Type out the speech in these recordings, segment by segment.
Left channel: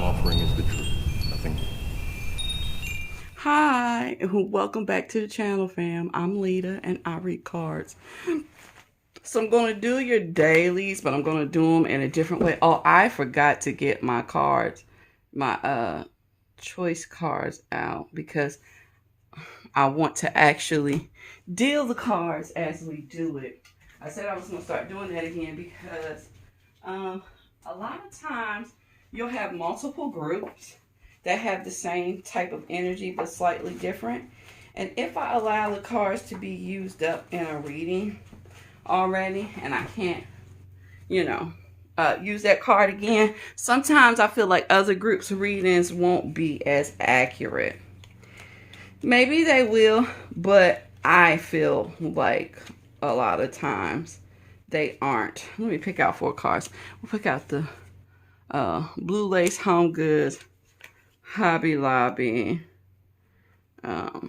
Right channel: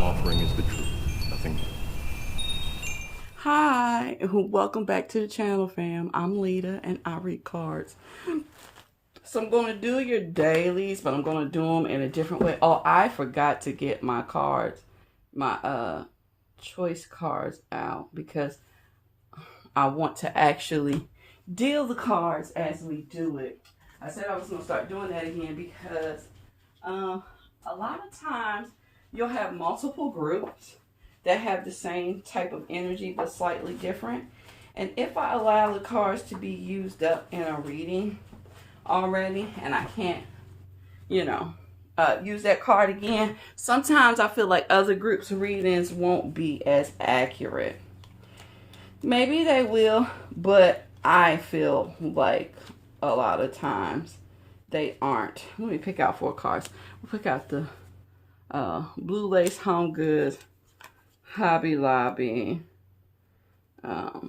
I'm offering is the truth, nothing more. Hi, welcome back to the channel, fam. I'm Lita, and I read cards. So I'm going to do your dailies, but I'm going to do them in a different way. Oh, I forgot to get my cards, my choice cards out, because I want to actually deal the cards as we do it. I said I was going to start doing that again because a lot of times you'll have multiple groups that have the same type of energy but slightly different. And if I allow the cards to be used up in a reading already and I can't, use that card again, sometimes I feel like other groups' readings won't be as accurate. Maybe they will, but I feel like a lot of times they aren't. Let me pick out 4 cards. We'll pick out the Blue Lace Home Goods, Hobby Lobby, oh,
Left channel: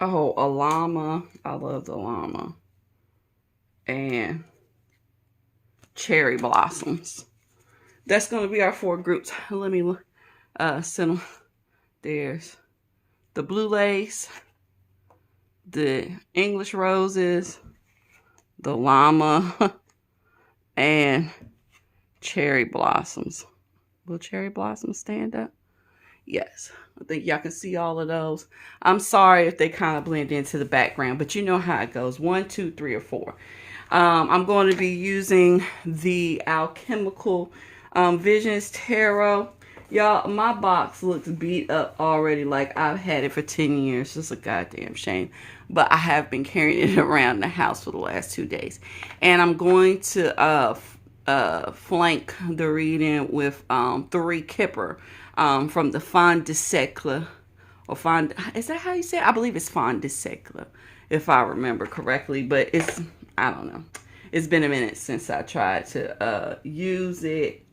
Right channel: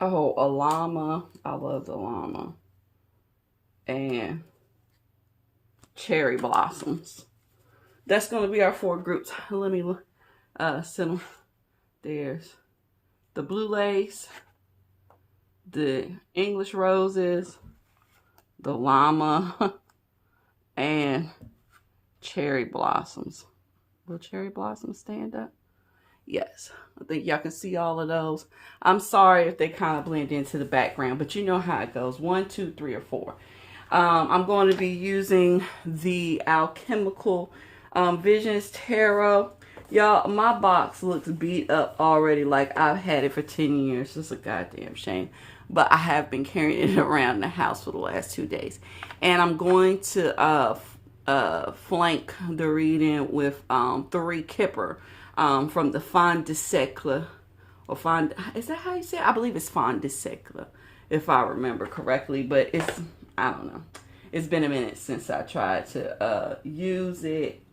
a llama. I love the llama. And cherry blossoms. That's going to be our 4 groups. Let me send them. There's the blue lace, the English roses, the llama, and cherry blossoms. Will cherry blossoms stand up? Yes. I think y'all can see all of those. I'm sorry if they kind of blend into the background, but you know how it goes. 1, 2, 3, or 4. I'm going to be using the Alchemical Visions Tarot. Y'all, my box looks beat up already, like I've had it for 10 years. It's a goddamn shame. But I have been carrying it around the house for the last 2 days. And I'm going to flank the reading with 3 Kipper from the Fond de Siècle. Or Fond, is that how you say it? I believe it's Fond de Siècle, if I remember correctly. But it's, I don't know. It's been a minute since I tried to use it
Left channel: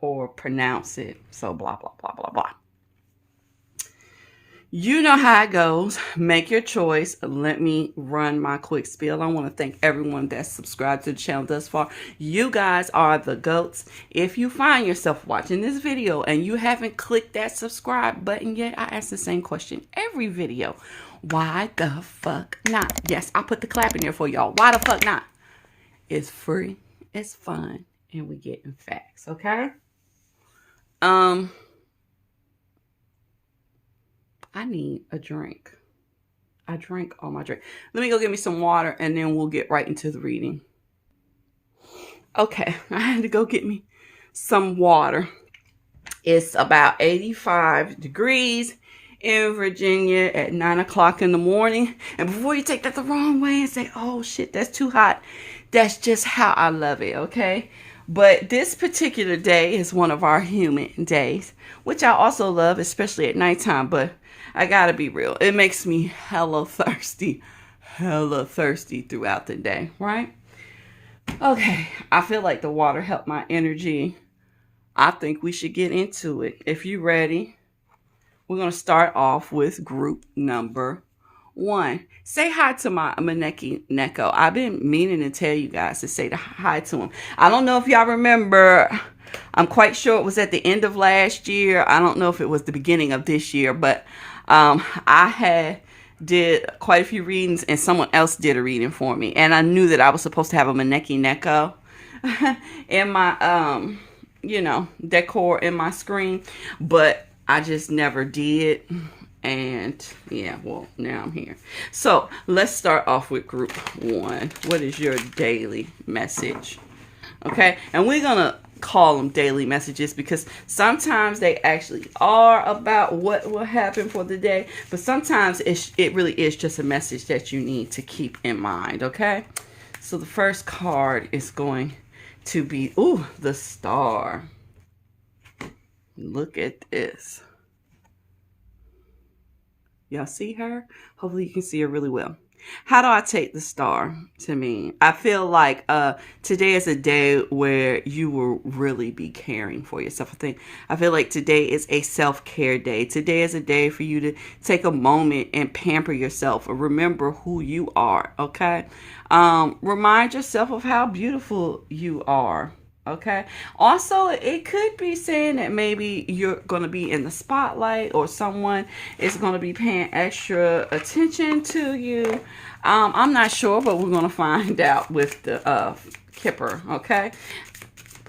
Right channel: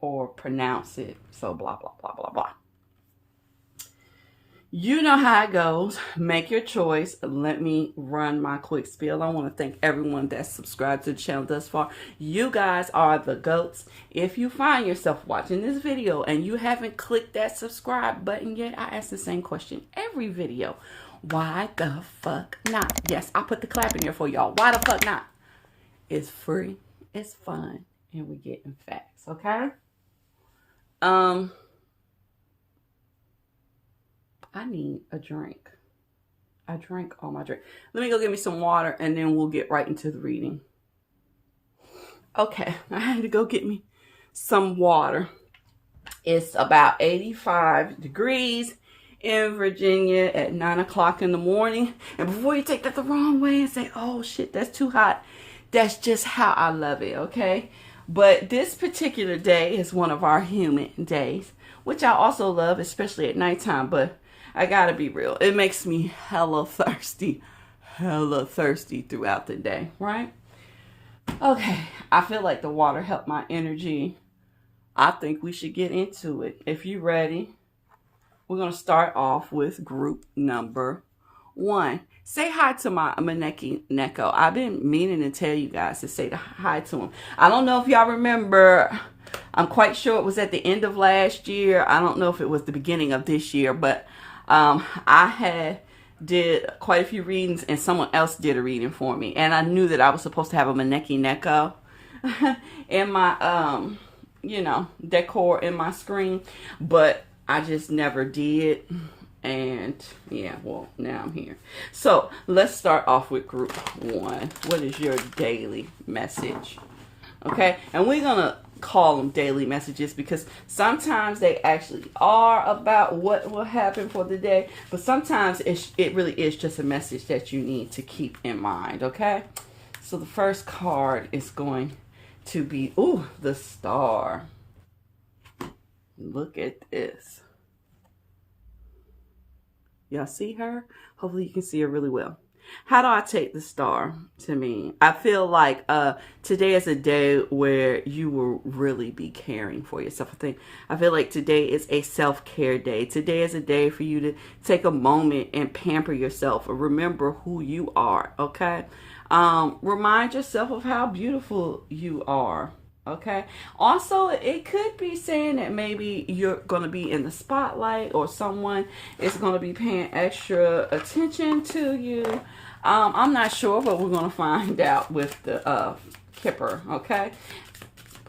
or pronounce it. So blah, blah, blah, blah, blah. You know how it goes. Make your choice. Let me run my quick spiel. I want to thank everyone that's subscribed to the channel thus far. You guys are the GOATs. If you find yourself watching this video and you haven't clicked that subscribe button yet, I ask the same question every video. Why the fuck not? Yes, I put the clap in there for y'all. Why the fuck not? It's free. It's fun. And we getting facts, okay? I need a drink. I drank all my drink. Let me go get me some water and then we'll get right into the reading. Okay, I had to go get me some water. It's about 85 degrees in Virginia at 9 o'clock in the morning. And before you take that the wrong way and say, oh shit, that's too hot. That's just how I love it, okay? But this particular day is one of our humid days, which I also love, especially at nighttime. But I gotta be real. It makes me hella thirsty throughout the day, right? Okay, I feel like the water helped my energy. I think we should get into it. If you're ready, we're going to start off with group number 1. Say hi to my Maneki Neko. I've been meaning to tell you guys to say hi to him. I don't know if y'all remember. I'm quite sure it was at the end of last year. I don't know if it was the beginning of this year, but I did quite a few readings and someone else did a reading for me. And I knew that I was supposed to have a Maneki Neko in my, decor in my screen, but I just never did. And yeah, well, now I'm here. So let's start off with group 1. What is your daily message? Okay. And we're going to call them daily messages because sometimes they actually are about what will happen for the day. But sometimes it really is just a message that you need to keep in mind. Okay. So the first card is going to be, the Star. Look at this. Y'all see her? Hopefully you can see her really well. How do I take the Star to mean? I feel like today is a day where you will really be caring for yourself. I feel like today is a self-care day. Today is a day for you to take a moment and pamper yourself or remember who you are, okay? Remind yourself of how beautiful you are. Okay. Also, it could be saying that maybe you're going to be in the spotlight or someone is going to be paying extra attention to you. I'm not sure, but we're going to find out with the Kipper. Okay.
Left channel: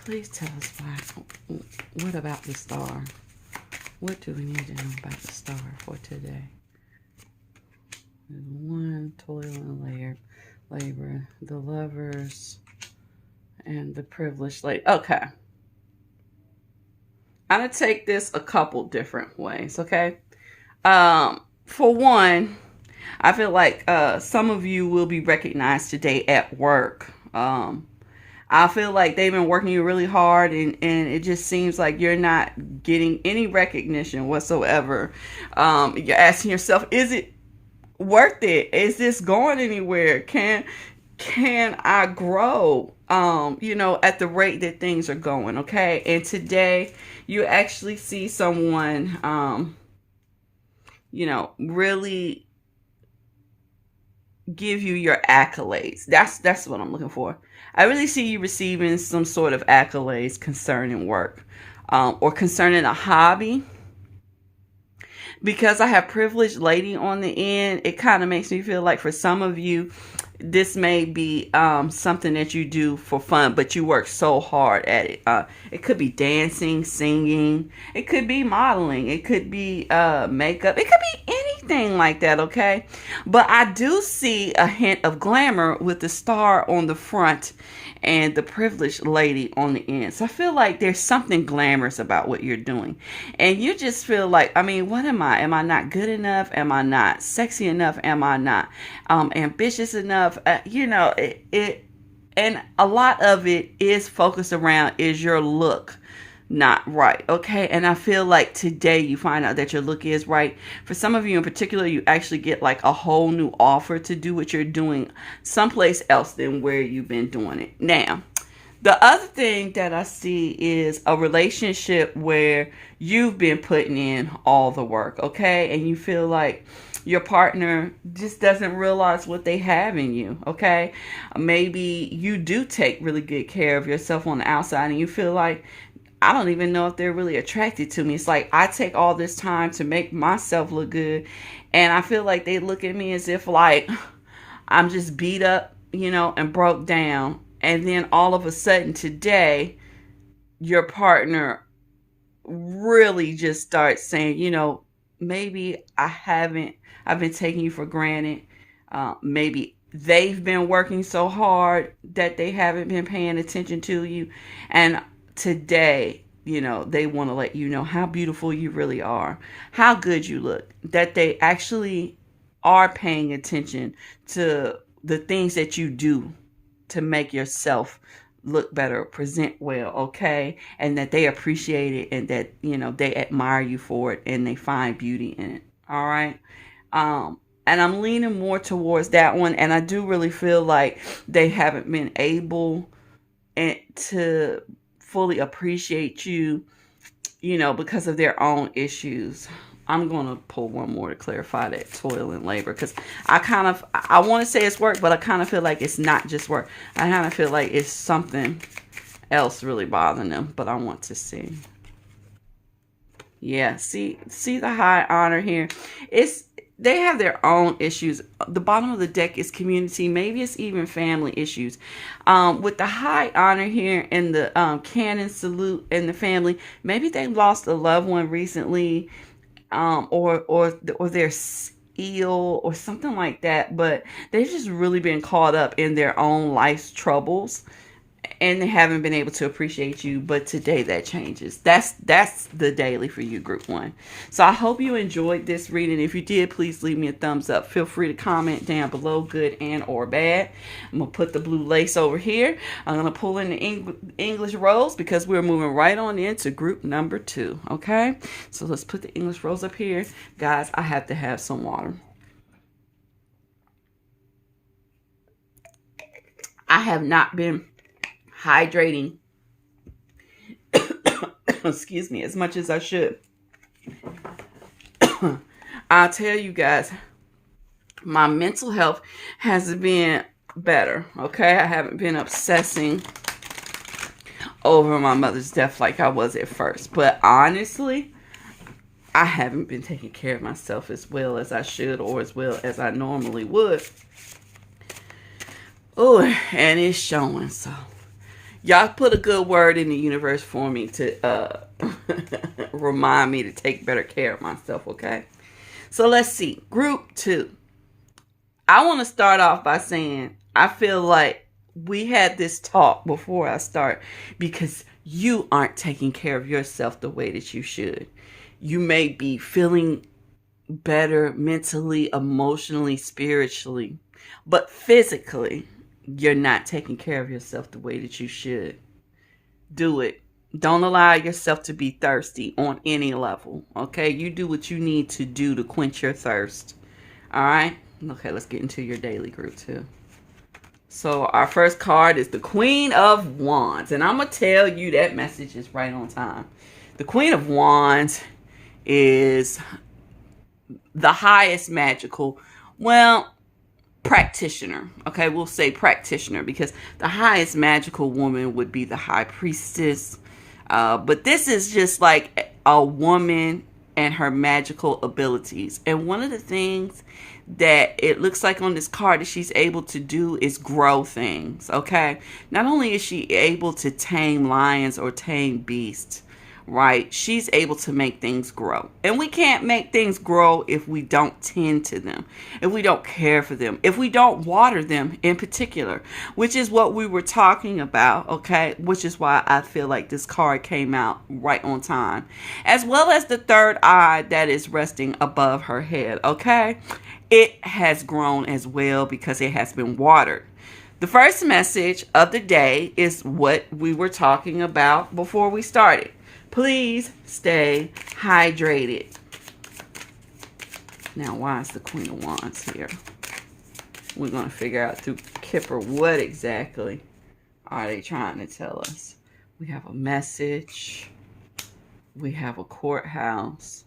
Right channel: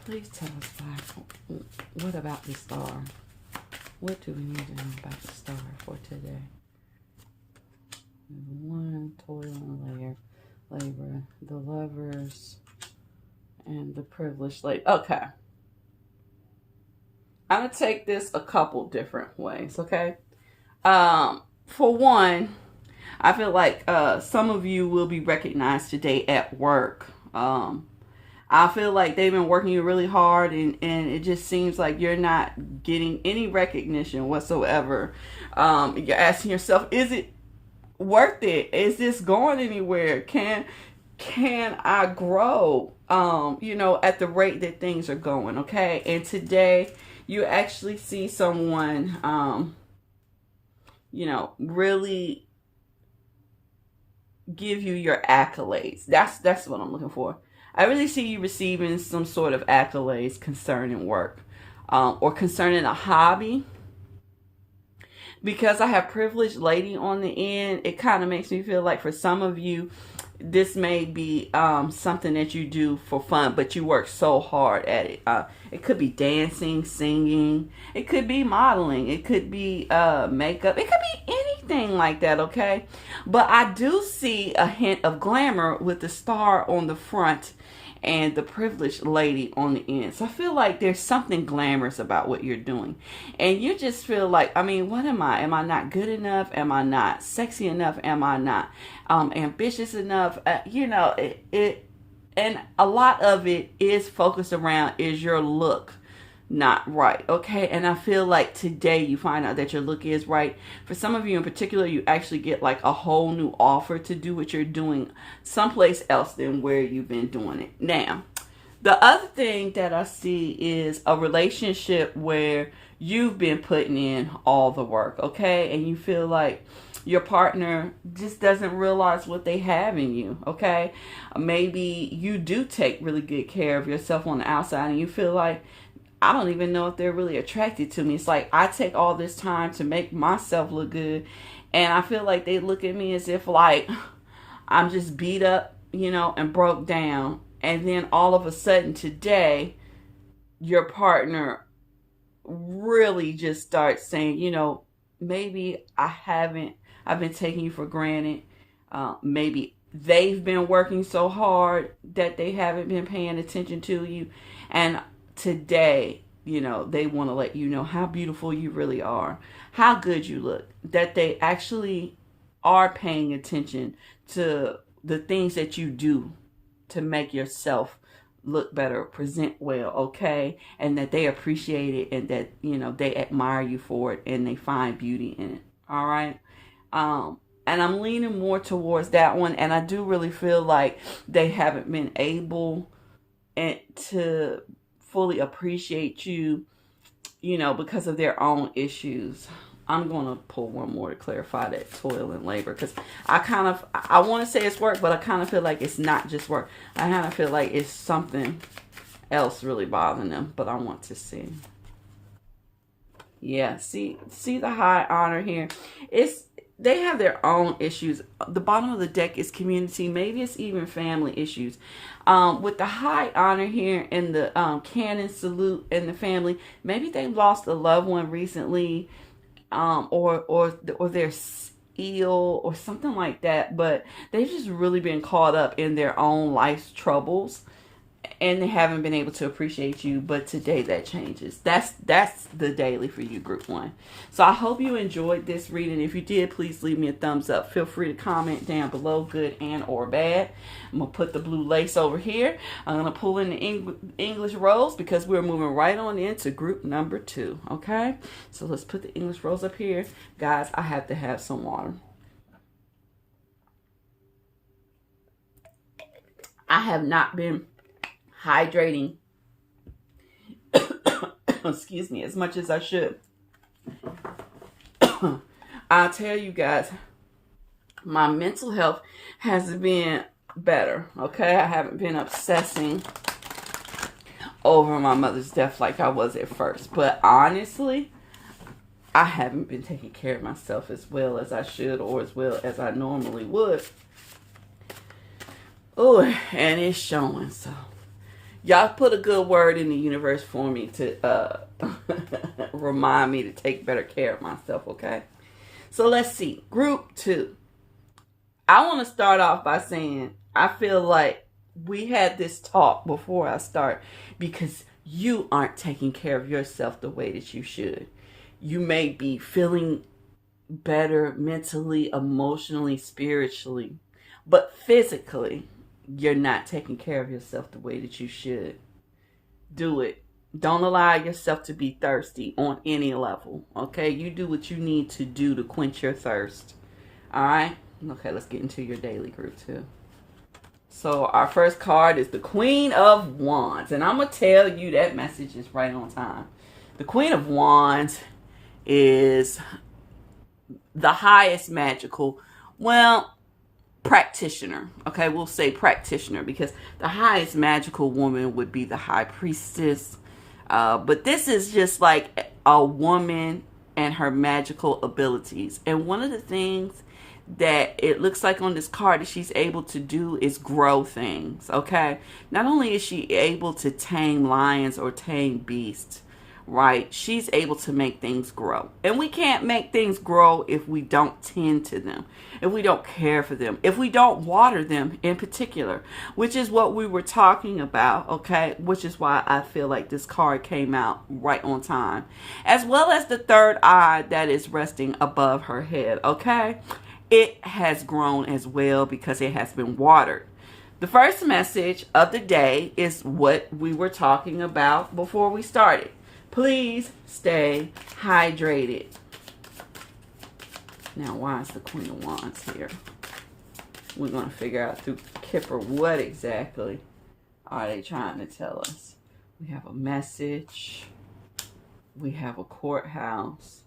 Please tell us what about the star? What do we need to know about the star for today? One, toil and labor, the lovers, and the privileged lady. Okay. I'm going to take this a couple different ways, okay? For one, I feel like some of you will be recognized today at work. I feel like they've been working you really hard and it just seems like you're not getting any recognition whatsoever. You're asking yourself, is it worth it? Is this going anywhere? Can I grow, at the rate that things are going, okay? And today you actually see someone, really give you your accolades. That's what I'm looking for. I really see you receiving some sort of accolades concerning work, or concerning a hobby. Because I have privileged lady on the end, it kind of makes me feel like for some of you, this may be something that you do for fun, but you work so hard at it. It could be dancing, singing. It could be modeling. It could be makeup. It could be anything like that, okay? But I do see a hint of glamour with the star on the front and the privileged lady on the end. So I feel like there's something glamorous about what you're doing. And you just feel like, what am I? Am I not good enough? Am I not sexy enough? Am I not ambitious enough? And a lot of it is focused around, is your look not right, okay? And I feel like today you find out that your look is right. For some of you in particular, you actually get like a whole new offer to do what you're doing someplace else than where you've been doing it. Now, the other thing that I see is a relationship where you've been putting in all the work, okay? And you feel like your partner just doesn't realize what they have in you, okay? Maybe you do take really good care of yourself on the outside and you feel like, I don't even know if they're really attracted to me. It's like I take all this time to make myself look good. And I feel like they look at me as if like I'm just beat up, and broke down. And then all of a sudden today, your partner really just starts saying, maybe I've been taking you for granted. Maybe they've been working so hard that they haven't been paying attention to you. And today, they want to let you know how beautiful you really are, how good you look, that they actually are paying attention to the things that you do to make yourself look better, present well, okay? And that they appreciate it and that, they admire you for it and they find beauty in it, all right? And I'm leaning more towards that one. And I do really feel like they haven't been able to fully appreciate you, because of their own issues. I'm going to pull one more to clarify that toil and labor, because I want to say it's work, but I kind of feel like it's not just work. I kind of feel like it's something else really bothering them, but I want to see. Yeah, see the high honor here. They have their own issues. The bottom of the deck is community. Maybe it's even family issues. With the high honor here and the cannon salute and the family, maybe they lost a loved one recently, or they're ill or something like that. But they've just really been caught up in their own life's troubles. And they haven't been able to appreciate you, but today that changes. That's the daily for you, group one. So I hope you enjoyed this reading. If you did, please leave me a thumbs up. Feel free to comment down below, good and or bad. I'm going to put the blue lace over here. I'm going to pull in the English rose because we're moving right on into group number 2, okay? So let's put the English rose up here. Guys, I have to have some water. I have not been hydrating excuse me, as much as I should. I'll tell you guys, my mental health has been better, okay? I haven't been obsessing over my mother's death like I was at first. But honestly, I haven't been taking care of myself as well as I should or as well as I normally would. Oh, and it's showing. So y'all put a good word in the universe for me to remind me to take better care of myself, okay? So let's see. Group 2. I want to start off by saying I feel like we had this talk before I start because you aren't taking care of yourself the way that you should. You may be feeling better mentally, emotionally, spiritually, but physically, you're not taking care of yourself the way that you should. Do it. Don't allow yourself to be thirsty on any level, okay? You do what you need to do to quench your thirst, all right? Okay, let's get into your daily group 2. So our first card is the Queen of Wands. And I'm going to tell you that message is right on time. The Queen of Wands is the highest magical, practitioner. Okay, we'll say practitioner because the highest magical woman would be the High Priestess. But this is just like a woman and her magical abilities. And one of the things that it looks like on this card that she's able to do is grow things, okay? Not only is she able to tame lions or tame beasts, right? She's able to make things grow. And we can't make things grow if we don't tend to them, if we don't care for them, if we don't water them in particular, which is what we were talking about, okay? Which is why I feel like this card came out right on time. As well as the third eye that is resting above her head, okay? It has grown as well because it has been watered. The first message of the day is what we were talking about before we started. Please stay hydrated. Now, why is the Queen of Wands here? We're going to figure out through Kipper what exactly are they trying to tell us. We have a message. We have a courthouse.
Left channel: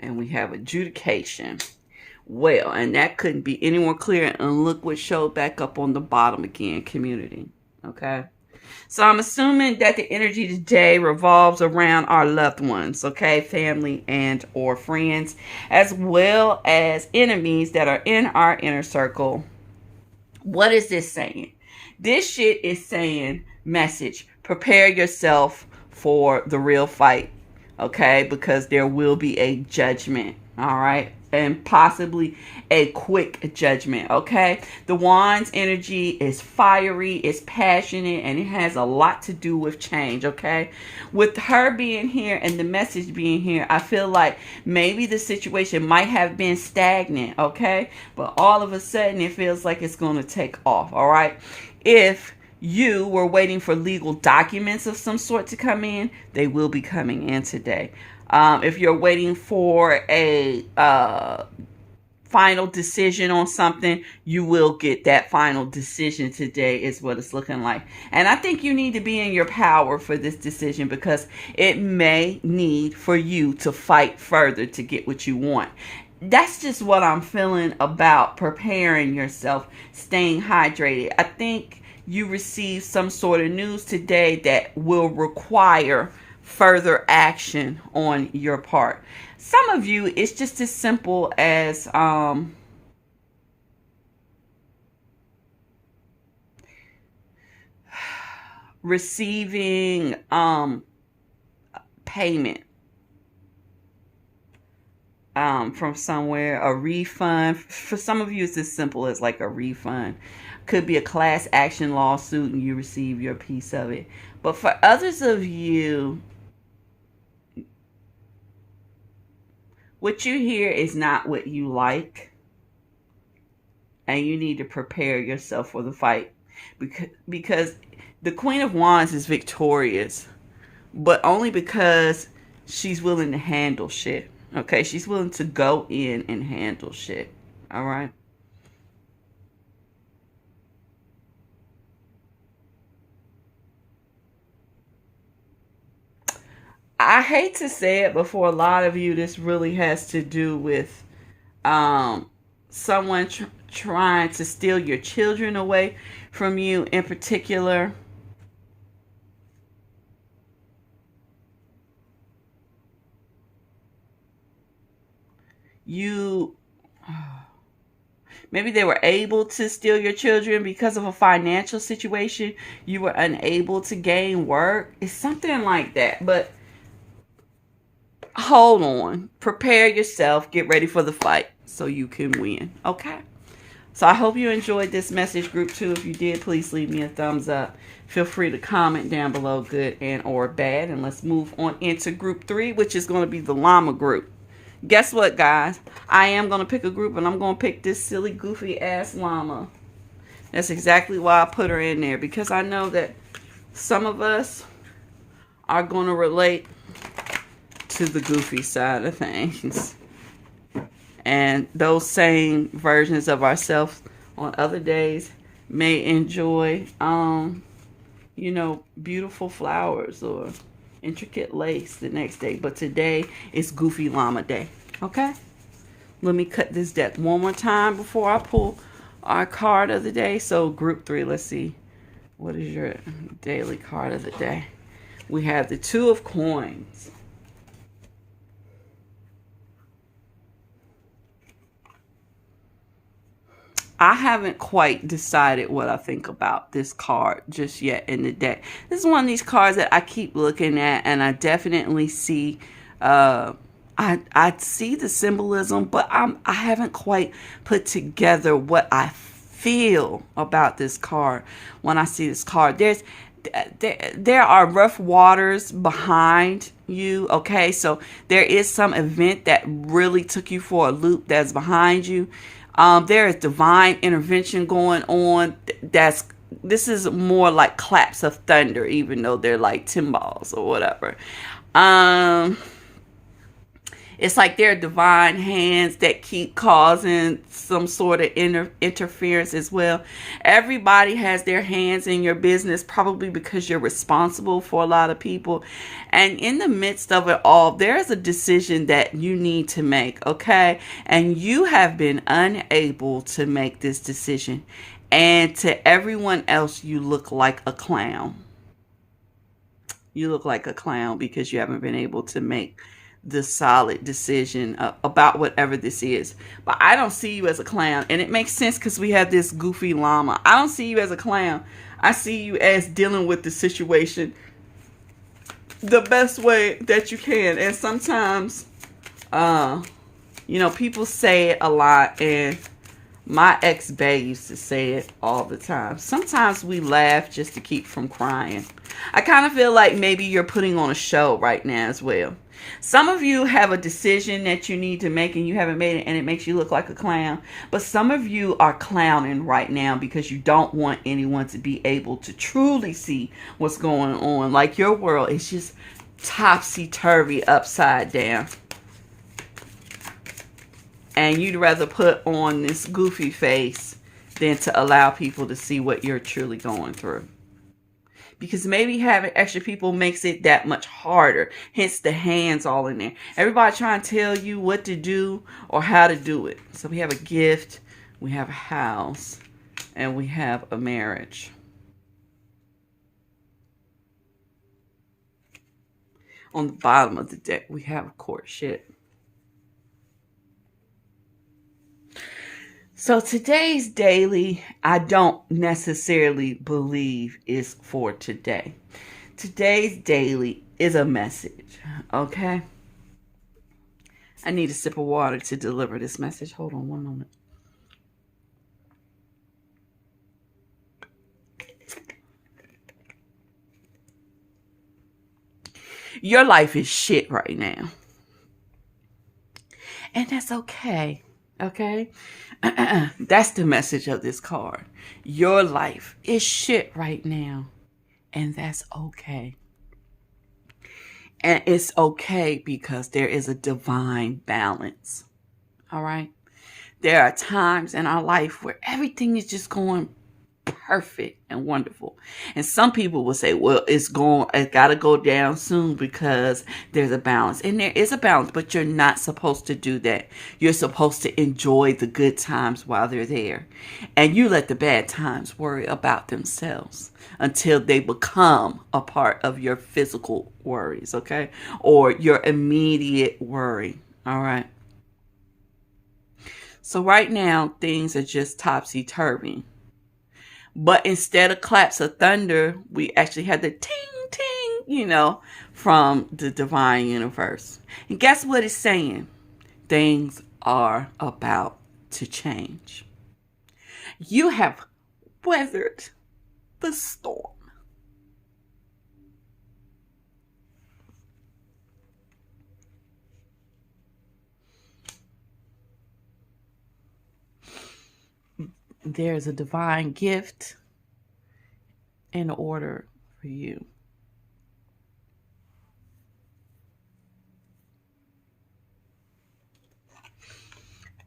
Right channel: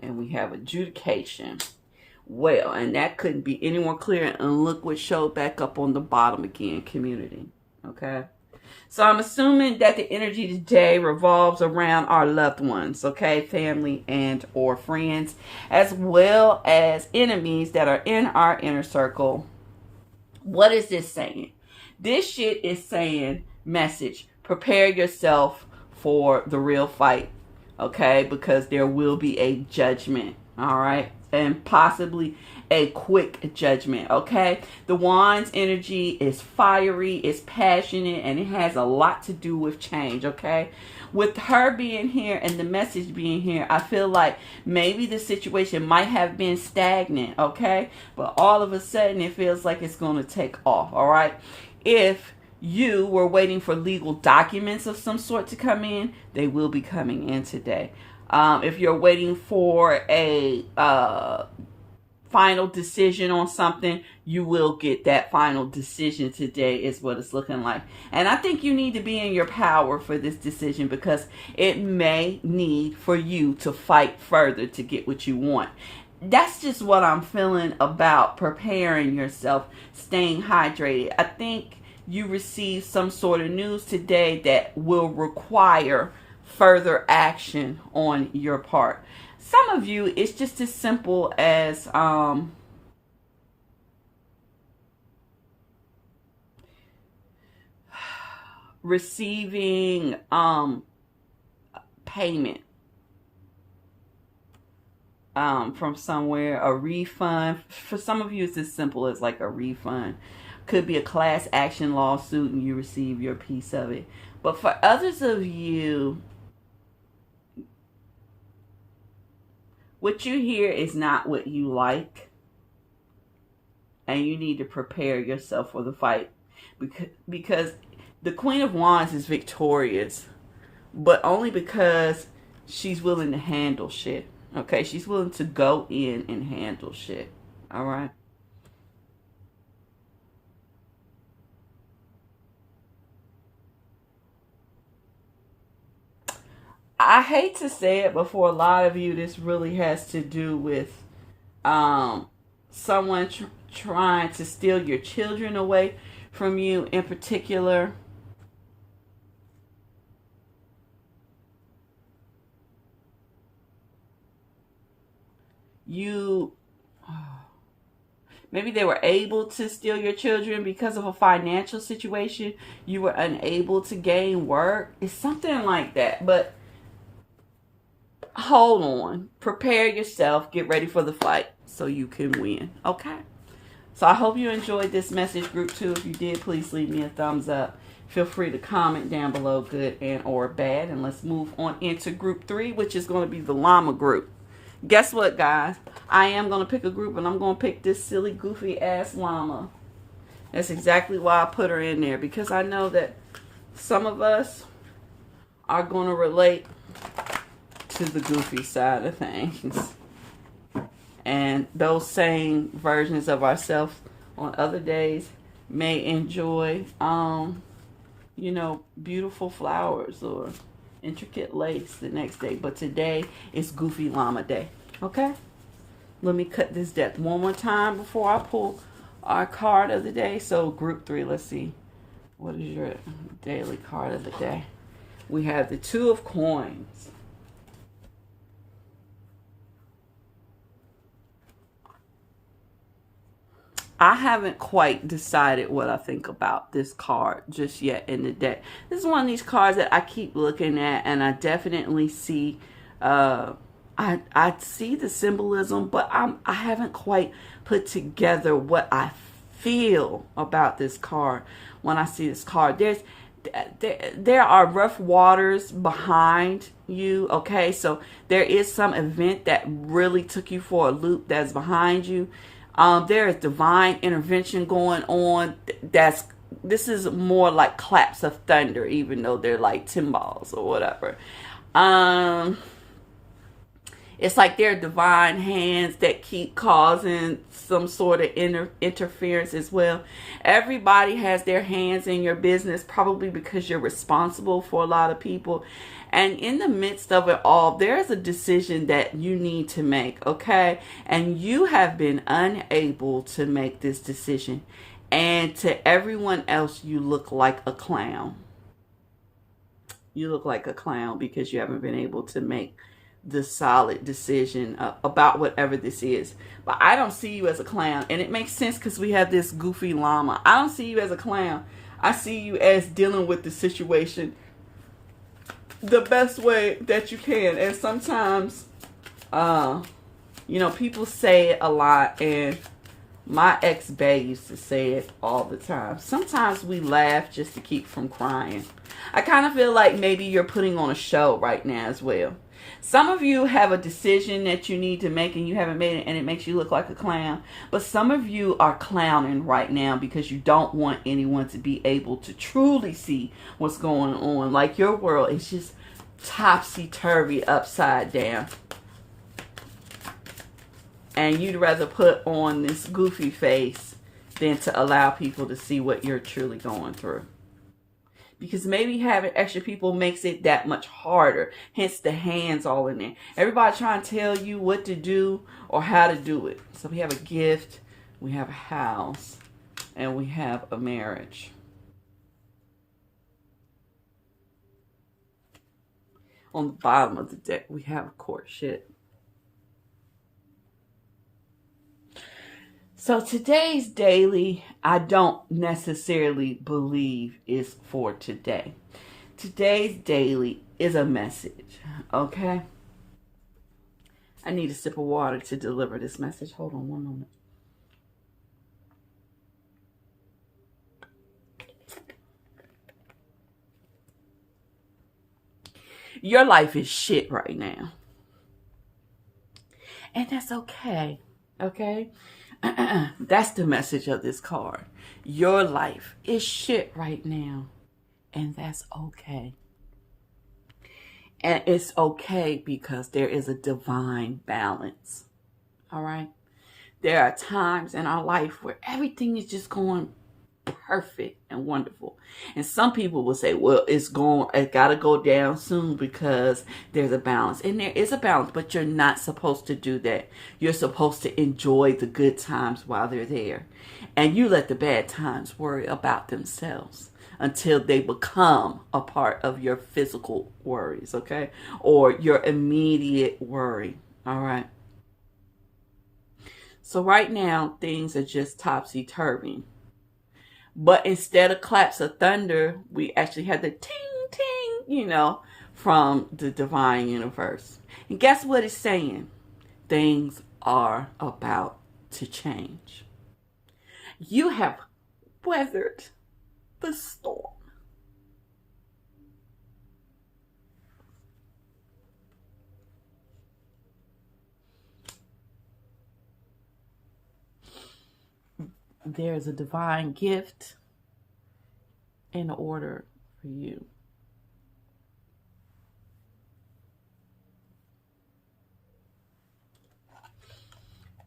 And we have adjudication. Well, and that couldn't be any more clear. And look what showed back up on the bottom again, community. Okay? So I'm assuming that the energy today revolves around our loved ones, okay? Family and or friends, as well as enemies that are in our inner circle. What is this saying? This shit is saying, message, prepare yourself for the real fight, okay? Because there will be a judgment, all right? And possibly a quick judgment, okay? The Wand's energy is fiery, it's passionate, and it has a lot to do with change, okay? With her being here and the message being here, I feel like maybe the situation might have been stagnant, okay? But all of a sudden, it feels like it's going to take off, all right? If you were waiting for legal documents of some sort to come in, they will be coming in today. If you're waiting for a final decision on something, you will get that final decision today is what it's looking like. And I think you need to be in your power for this decision because it may need for you to fight further to get what you want. That's just what I'm feeling about preparing yourself, staying hydrated. I think you received some sort of news today that will require further action on your part. Some of you, it's just as simple as receiving payment from somewhere, a refund. For some of you, it's as simple as like a refund. Could be a class action lawsuit and you receive your piece of it. But for others of you, what you hear is not what you like. And you need to prepare yourself for the fight. Because the Queen of Wands is victorious. But only because she's willing to handle shit. Okay? She's willing to go in and handle shit. Alright? I hate to say it, but for a lot of you, this really has to do with someone trying to steal your children away from you in particular. Maybe they were able to steal your children because of a financial situation. You were unable to gain work. It's something like that. But hold on. Prepare yourself. Get ready for the fight so you can win. Okay? So I hope you enjoyed this message, group 2. If you did, please leave me a thumbs up. Feel free to comment down below, good and or bad. And let's move on into group 3, which is going to be the llama group. Guess what, guys? I am going to pick a group, and I'm going to pick this silly, goofy-ass llama. That's exactly why I put her in there, because I know that some of us are going to relate to the goofy side of things. And those same versions of ourselves on other days may enjoy, you know, beautiful flowers or intricate lace the next day. But today is Goofy Llama Day. Okay? Let me cut this deck one more time before I pull our card of the day. So group 3, let's see. What is your daily card of the day? We have the 2 of Coins. I haven't quite decided what I think about this card just yet in the deck. This is one of these cards that I keep looking at, and I definitely see, I see the symbolism, but I haven't quite put together what I feel about this card when I see this card. There are rough waters behind you, okay? So there is some event that really took you for a loop that's behind you. There is divine intervention going on. This is more like claps of thunder, even though they're like timbales or whatever. It's like there are divine hands that keep causing some sort of interference as well. Everybody has their hands in your business, probably because you're responsible for a lot of people. And in the midst of it all, there is a decision that you need to make, okay? And you have been unable to make this decision. And to everyone else, you look like a clown. You look like a clown because you haven't been able to make the solid decision about whatever this is. But I don't see you as a clown, and it makes sense because we have this goofy llama. I don't see you as a clown. I see you as dealing with the situation the best way that you can. And sometimes you know, people say it a lot, and my ex-bae used to say it all the time. Sometimes we laugh just to keep from crying. I kind of feel like maybe you're putting on a show right now as well. Some of you have a decision that you need to make and you haven't made it, and it makes you look like a clown. But some of you are clowning right now because you don't want anyone to be able to truly see what's going on. Like your world is just topsy-turvy, upside down. And you'd rather put on this goofy face than to allow people to see what you're truly going through. Because maybe having extra people makes it that much harder. Hence the hands all in there. Everybody trying to tell you what to do or how to do it. So we have a gift, we have a house, and we have a marriage. On the bottom of the deck, we have a courtship. So today's daily, I don't necessarily believe is for today. Today's daily is a message, okay? I need a sip of water to deliver this message. Hold on one moment. Your life is shit right now. And that's okay, okay? That's the message of this card. Your life is shit right now, and that's okay. And it's okay because there is a divine balance. All right? There are times in our life where everything is just going perfect and wonderful. And some people will say, well, it got to go down soon because there's a balance. And there is a balance, but you're not supposed to do that. You're supposed to enjoy the good times while they're there. And you let the bad times worry about themselves until they become a part of your physical worries, okay? Or your immediate worry, all right? So right now, things are just topsy-turvy. But instead of claps of thunder, we actually had the ting, ting, from the divine universe. And guess what it's saying? Things are about to change. You have weathered the storm. There's a divine gift in order for you.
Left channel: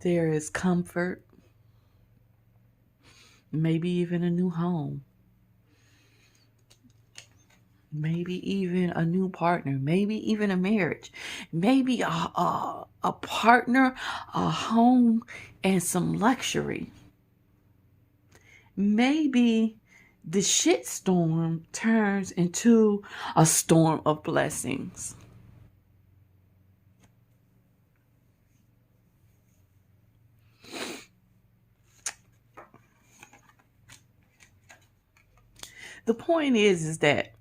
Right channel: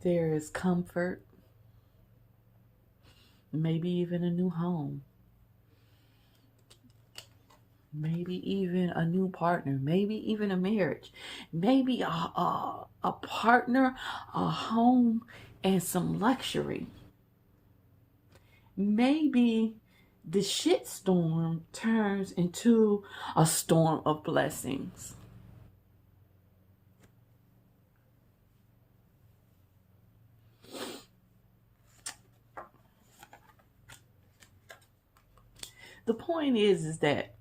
There is comfort, maybe even a new home, maybe even a new partner, maybe even a marriage, maybe a partner, a home, and some luxury. Maybe the shitstorm turns into a storm of blessings. The point is that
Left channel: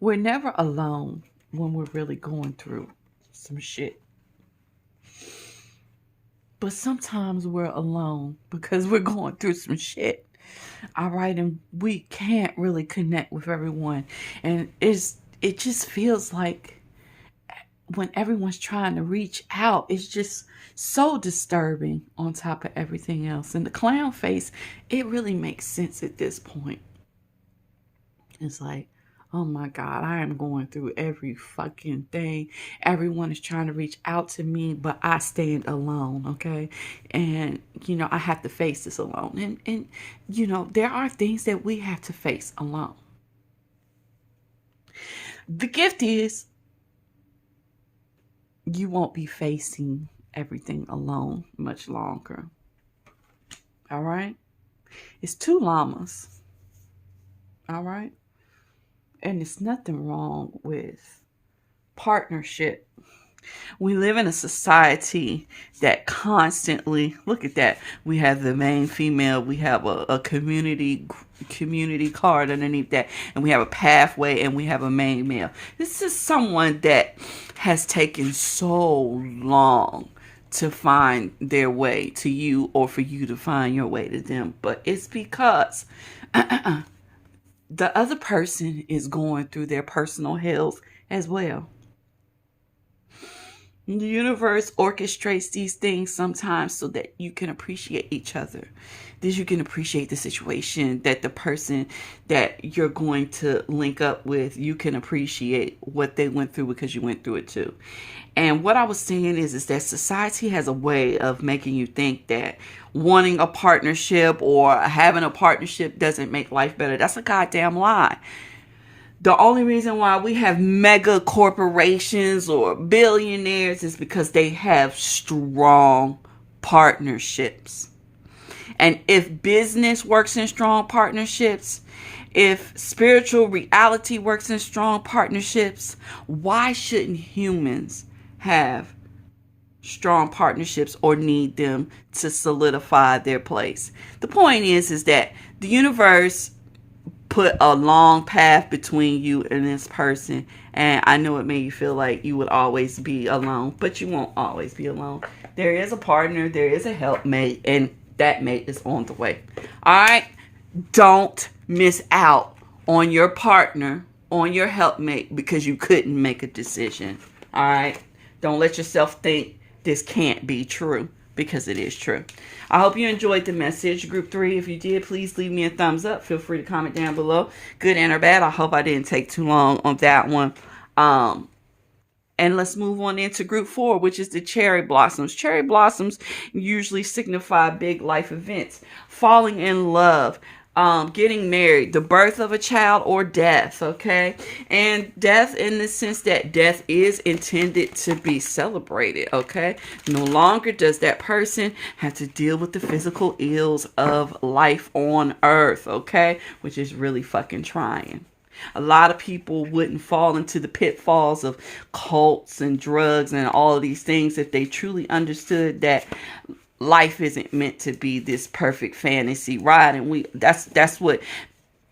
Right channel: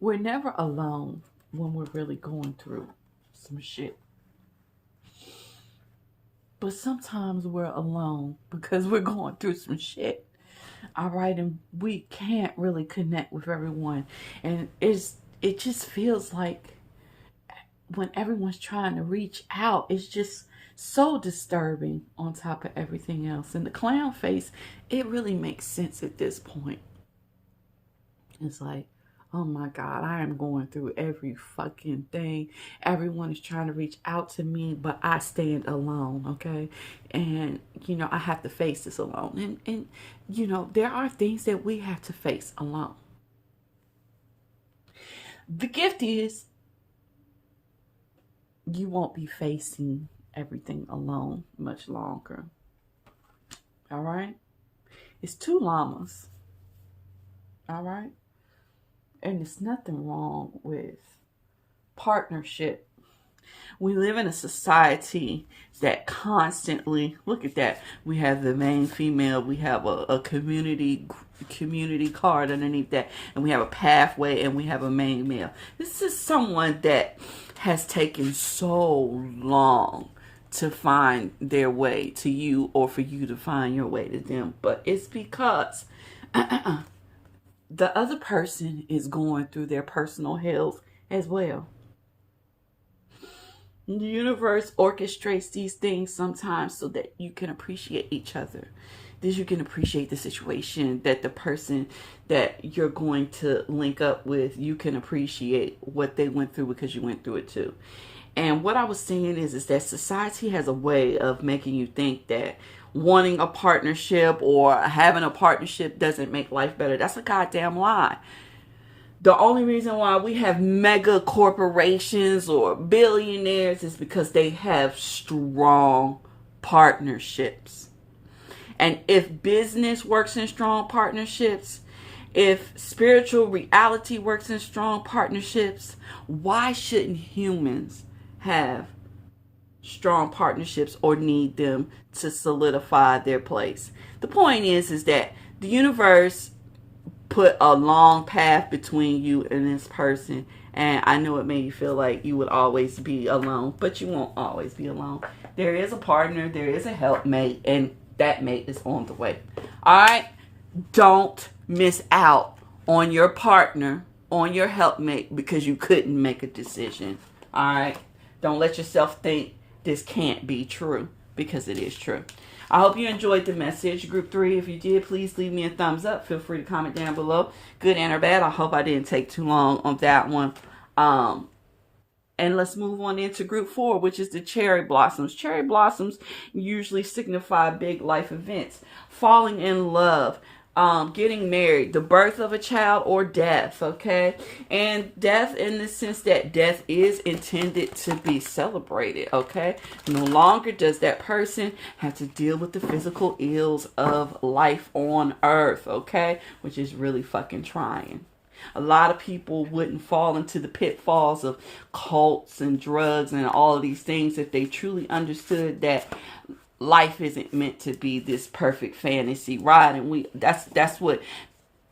we're never alone when we're really going through some shit. But sometimes we're alone because we're going through some shit. All right. And we can't really connect with everyone. And it just feels like when everyone's trying to reach out, it's just so disturbing on top of everything else. And the clown face, it really makes sense at this point. It's like, oh my God, I am going through every fucking thing. Everyone is trying to reach out to me, but I stand alone, okay? And, I have to face this alone. And there are things that we have to face alone. The gift is you won't be facing everything alone much longer. All right? It's 2 llamas. All right? And there's nothing wrong with partnership. We live in a society that constantly, look at that. We have the main female. We have a community card underneath that. And we have a pathway and we have a main male. This is someone that has taken so long to find their way to you or for you to find your way to them. But it's because the other person is going through their personal hells as well. The universe orchestrates these things sometimes so that you can appreciate each other. That you can appreciate the situation, that the person that you're going to link up with, you can appreciate what they went through because you went through it too. And what I was saying is that society has a way of making you think that wanting a partnership or having a partnership doesn't make life better. That's a goddamn lie. The only reason why we have mega corporations or billionaires is because they have strong partnerships. And if business works in strong partnerships, if spiritual reality works in strong partnerships, why shouldn't humans have strong partnerships or need them to solidify their place? The point is that the universe put a long path between you and this person, and I know it made you feel like you would always be alone, but you won't always be alone. There is a partner, there is a helpmate, and that mate is on the way. All right, don't miss out on your partner, on your helpmate, because you couldn't make a decision. All right, don't let yourself think this can't be true, because it is true. I hope you enjoyed the message. Group 3, if you did, please leave me a thumbs up. Feel free to comment down below, good and or bad. I hope I didn't take too long on that one. And let's move on into group 4, which is the cherry blossoms. Cherry blossoms usually signify big life events, falling in love, getting married, the birth of a child, or death, okay? And death in the sense that death is intended to be celebrated, okay? No longer does that person have to deal with the physical ills of life on earth, okay? Which is really fucking trying. A lot of people wouldn't fall into the pitfalls of cults and drugs and all of these things if they truly understood that life isn't meant to be this perfect fantasy ride. And that's what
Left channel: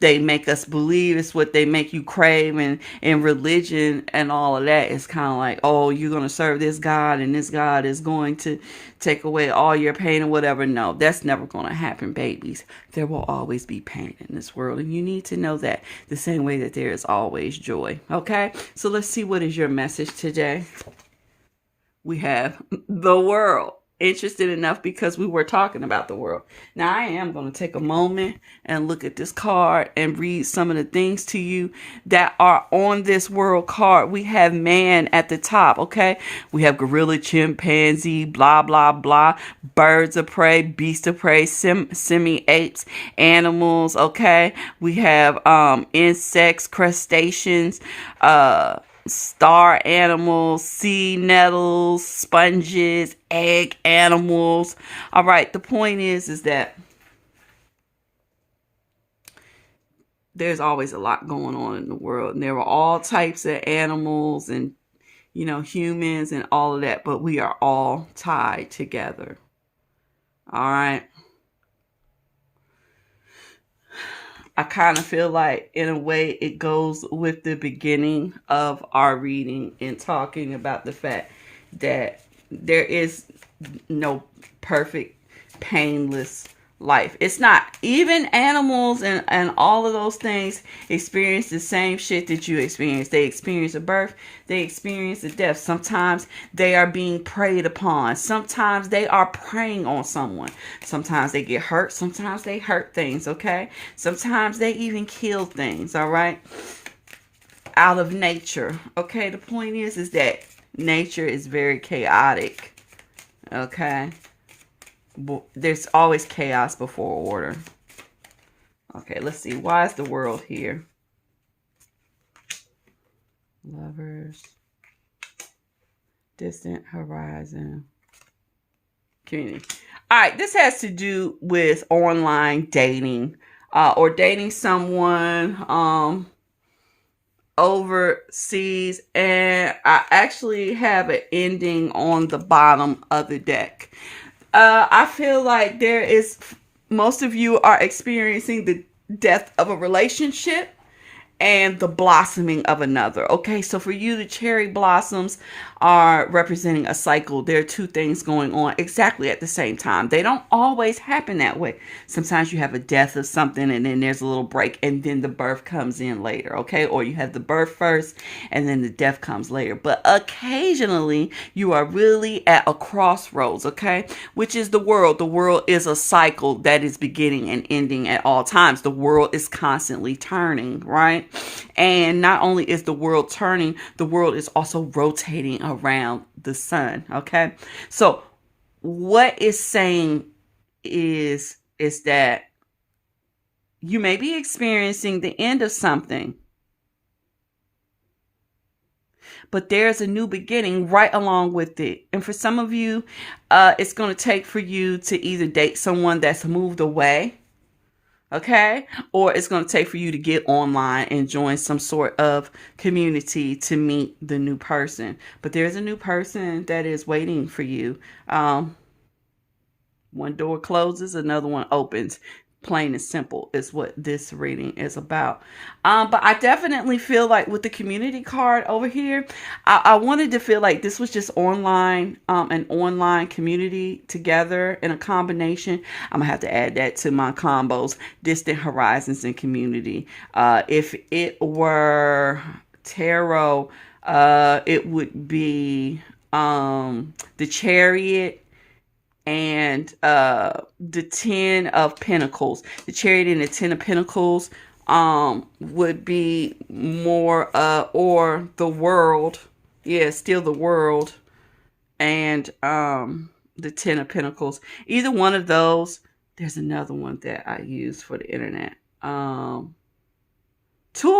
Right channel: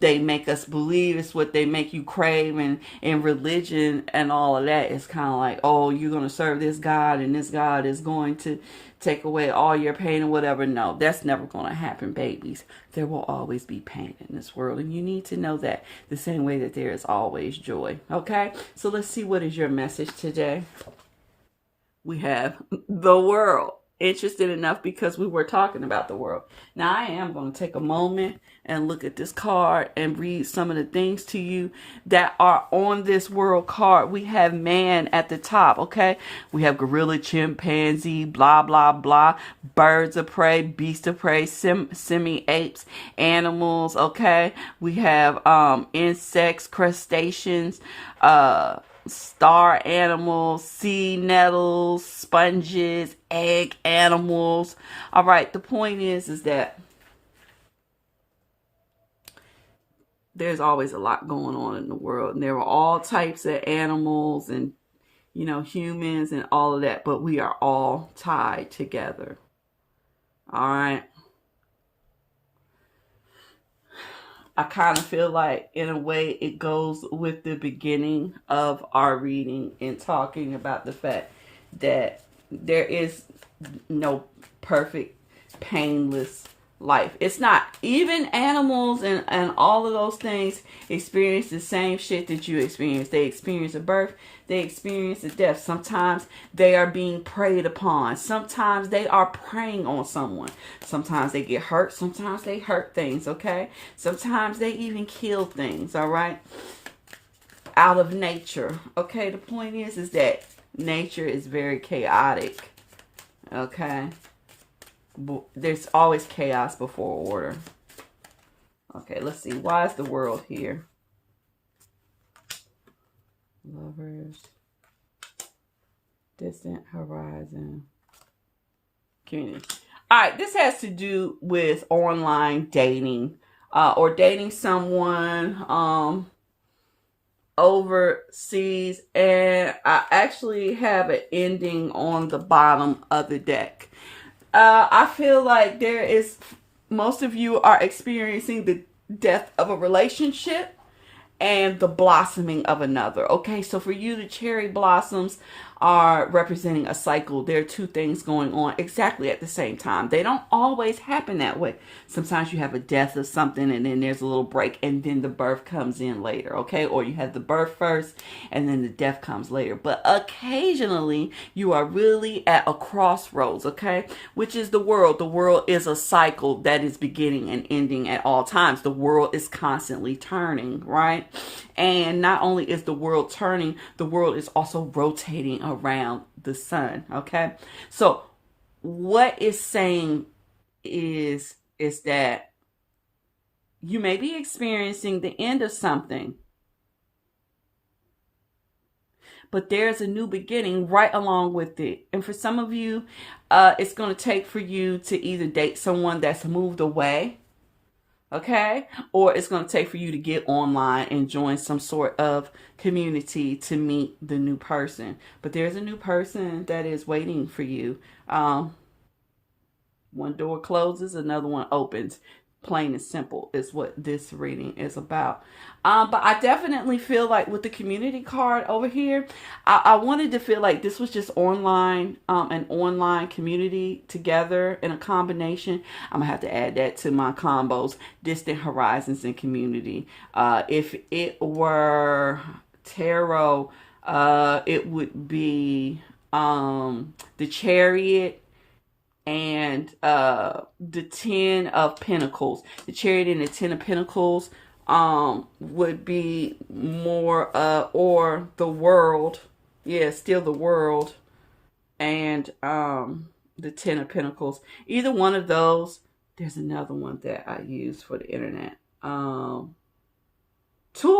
they make us believe. It's what they make you crave. And religion and all of that is kind of like, oh, you're going to serve this God and this God is going to take away all your pain or whatever. No, that's never going to happen, babies. There will always be pain in this world. And you need to know that the same way that there is always joy. Okay, so let's see, what is your message today? We have the world. Interested enough because we were talking about the world. Now I am going to take a moment and look at this card and read some of the things to you that are on this world card. We have man at the top, okay? We have gorilla, chimpanzee, blah, blah, blah, birds of prey, beasts of prey, semi-apes, animals, okay? We have insects, crustaceans, star animals, sea nettles, sponges, egg animals. All right, the point is that there's always a lot going on in the world, and there are all types of animals and, you know, humans and all of that, but we are all tied together. All right. I kind of feel like, in a way, it goes with the beginning of our reading and talking about the fact that there is no perfect, painless life. It's not. Even animals and all of those things experience the same shit that you experience. They experience a birth. They experience a death. Sometimes they are being preyed upon. Sometimes they are preying on someone. Sometimes they get hurt. Sometimes they hurt things, okay? Sometimes they even kill things, all right? Out of nature, okay? The point is that nature is very chaotic, okay? There's always chaos before order. Okay, let's see. Why is the world here? Lovers. Distant horizon. Community. All right, this has to do with online dating, or dating someone overseas. And I actually have an ending on the bottom of the deck. I feel like most of you are experiencing the death of a relationship and the blossoming of another. Okay, so for you, the cherry blossoms are representing a cycle. There are two things going on exactly at the same time. They don't always happen that way. Sometimes you have a death of something and then there's a little break and then the birth comes in later, okay? Or you have the birth first and then the death comes later. But occasionally you are really at a crossroads, okay? Which is the world. The world is a cycle that is beginning and ending at all times. The world is constantly turning, right? And not only is the world turning, the world is also rotating around the sun, okay? So what it's saying is that you may be experiencing the end of something, but there's a new beginning right along with it. And for some of you, it's going to take for you to either date someone that's moved away, okay? Or it's going to take for you to get online and join some sort of community to meet the new person. But there's a new person that is waiting for you. One door closes, another one opens. Plain and simple is what this reading is about. But I definitely feel like with the community card over here, I wanted to feel like this was just online, an online community together in a combination. I'm gonna have to add that to my combos, distant horizons and community. If it were tarot, it would be the Chariot and the 10 of Pentacles. The Chariot and the 10 of Pentacles would be more or the World Yeah, Steal the World and the Ten of Pentacles. Either one of those. There's another one that I use for the internet. Two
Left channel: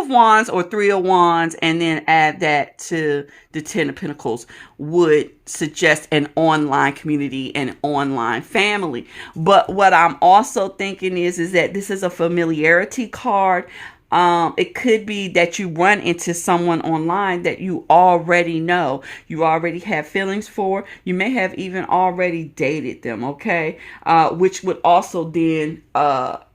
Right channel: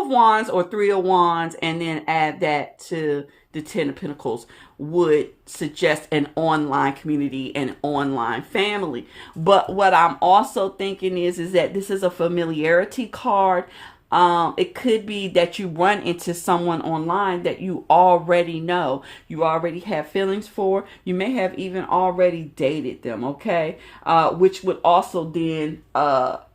of Wands or Three of Wands, and then add that to the Ten of Pentacles would suggest an online community and online family. But what I'm also thinking is that this is a familiarity card. It could be that you run into someone online that you already know, you already have feelings for, you may have even already dated them, okay? Which would also then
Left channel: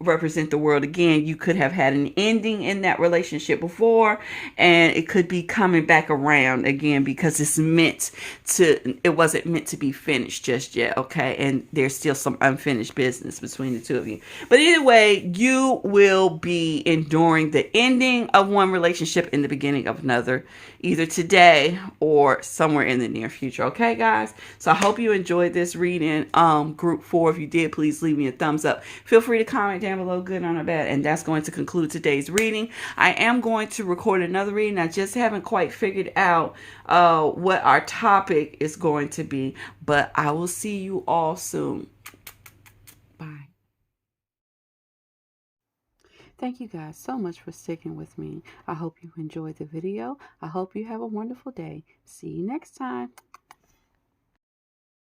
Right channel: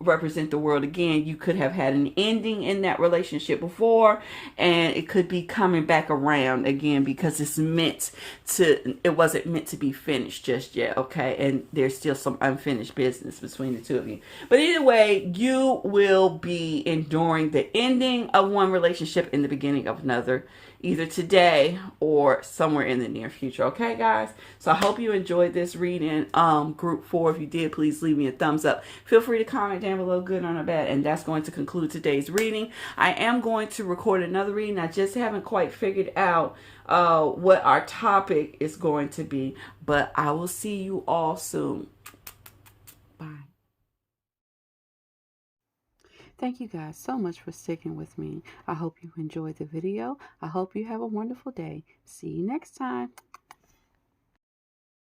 represent the world again. You could have had an ending in that relationship before, and it could be coming back around again because it wasn't meant to be finished just yet, okay? And there's still some unfinished business between the two of you. But either way, you will be enduring the ending of one relationship in the beginning of another, either today or somewhere in the near future. Okay, guys? So I hope you enjoyed this reading. Group 4, if you did, please leave me a thumbs up. Feel free to comment down below, good or bad. And that's going to conclude today's reading. I am going to record another reading. I just haven't quite figured out what our topic is going to be. But I will see you all soon. Bye. Thank you guys so much for sticking with me. I hope you enjoyed the video. I hope you have a wonderful day. See you next time.